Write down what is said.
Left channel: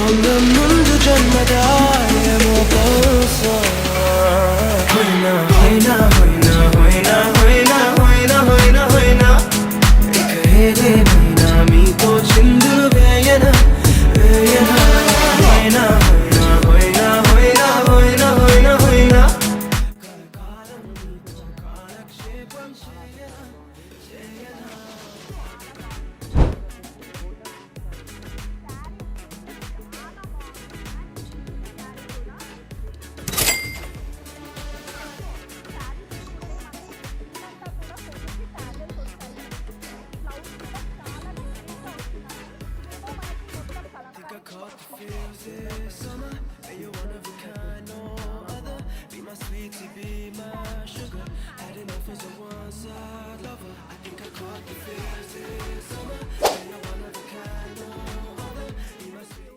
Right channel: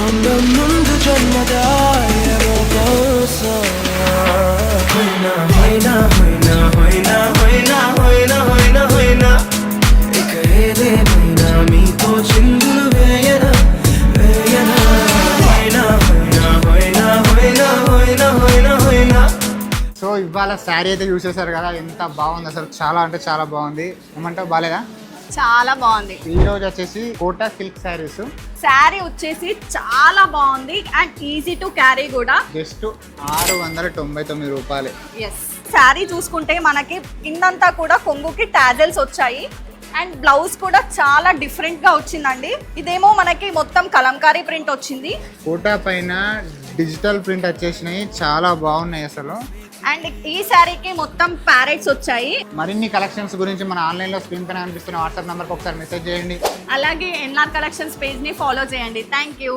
ముందు జన్మదా ఏమో బహుశా హోయినా హోయినా హోయినా హోయినా హోయినా హోయినా హోయినా హోయినా ఇక ఏదేమైనా మీతో చిందులు వేయనా వేయనా హోయినా హోయినా హోయినా హోయినా హోయినా హోయినా హోయినా. సో ఇవాళ శారీ అయితే చూసేసారు కదా, ఎంత బాగుంది అసలు, చాలా అంటే చాలా బాగుంది. ఏమంటావు, బాగాలేదా? చాలా బాగుంది. ఈ రోజు వచ్చేసి కోటా సిల్క్ శారీస్. శారీ వచ్చేసి చాలా బాగుంది అండ్ ఈజీ టు క్యారీ కూడా. జస్ట్ 699 రూపాయలు. ఎస్, శారీ చూసుకుంటే మనకి కిందంతా కూడా కొంగుకి టాజల్స్ వచ్చాయి అండ్ బ్లౌజ్ కూడా చాలా డిఫరెంట్ గా వచ్చిందండి. ఇదేమో మనకి మొత్తం కలంకారీ ప్రింట్ వచ్చింది. కోటా పైన డిజిటల్ ప్రింట్ వచ్చేసినాయి, చాలా బాగున్నాయి అసలు. అండ్ ఈ శారీకి మొత్తం ప్యారెట్స్ వచ్చాయి. మరిన్ని కలెక్షన్స్ గురించి మన ఆన్లైన్లో స్క్రీన్ పైన అనిపిస్తున్న వాట్సాప్ నెంబర్కి ఒకసారి మెసేజ్ చేయండి. అలాగే ఎన్ఆర్ కలెక్షన్స్ పేజ్ ని ఫాలో చేయండి. Thank you.